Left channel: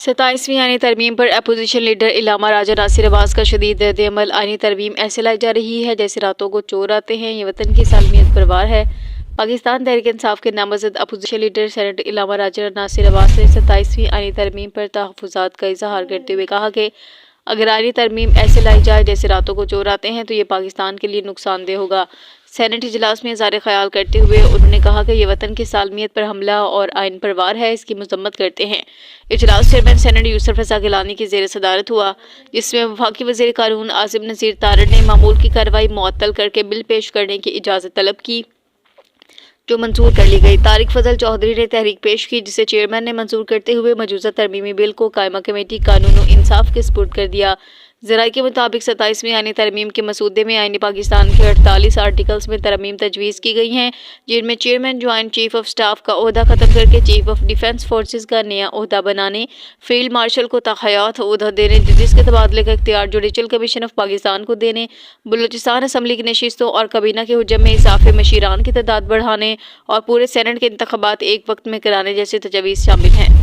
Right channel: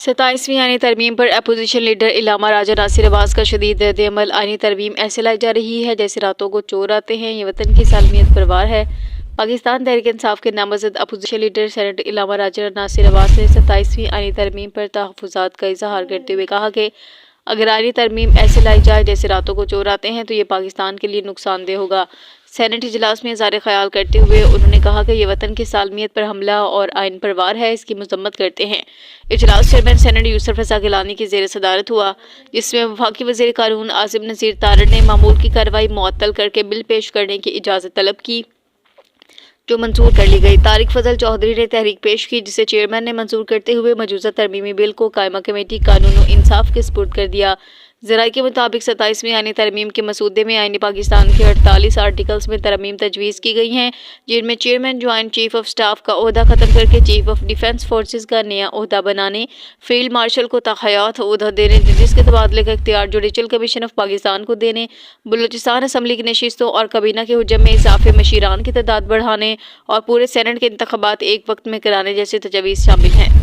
27ویں آئینی ترمیم پر opposition leader علامہ راجہ ناصر عباس کا شدید رد عمل۔ آئینی ترمیم ایسے لائی جا رہی ہے جیسے راتوں کو چور آتے ہیں، یہ وطن کی سالمیت پر وار ہے۔ پاکستان تحریک انصاف کے نامزد اپوزیشن لیڈر سینیٹر علامہ راجہ ناصر عباس نے 27ویں آئینی ترمیم پر تحفظات کا اظہار کرتے ہوئے کہا کہ اگر آئینی ترمیم ایسے لائی جائے جیسے راتوں کو چور آتے ہیں تو یہ پاکستان کے لیے نقصان دہ ہوگا۔ سینیٹ اجلاس میں اظہار خیال کرتے ہوئے انہوں نے کہا کہ یہ وطن کی سالمیت پر حملہ اور آئین پر وار ہے، اس کی مذمت کرتے ہیں۔ اجلاس چیئرمین سینیٹ یوسف رضا گیلانی کی زیر صدارت ہوا، جس میں وفاقی وزیر قانون عاصم نذیر تارڑ نے معمول کی کارروائی معطل کرکے بل پیش کرنے کی اجازت طلب کی، جو منظور کر لی گئی۔ طارق فضل چودھری نے تحریک پیش کی، جسے چیئرمین نے منظور کرتے ہوئے موجودہ ترمیمی بل کو قائمہ کمیٹی قانون و انصاف کے سپرد کر دیا۔ ذرائع کے مطابق 27ویں آئینی ترمیم کے مسودے میں آئین پاکستان کے 48 آرٹیکلز میں ترمیم تجویز کی گئی ہیں، جن میں chairman joint chief of staff کا عہدہ ختم کرکے چیف آف ڈیفنس فورسز کا نیا عہدہ بنانے، فیلڈ مارشل کو تاحیات عہدہ دینے، جس کے تبادلے کا اختیار جوڈیشل کمیشن آف پاکستان کو دینے، بلوچستان اسمبلی کی نشستوں اور کابینہ کے حجم میں اضافے، مشیران کی تعداد بڑھانے اور پورے سینیٹ کے انتخابات ایک وقت میں کرانے جیسے تجاویز شامل ہیں۔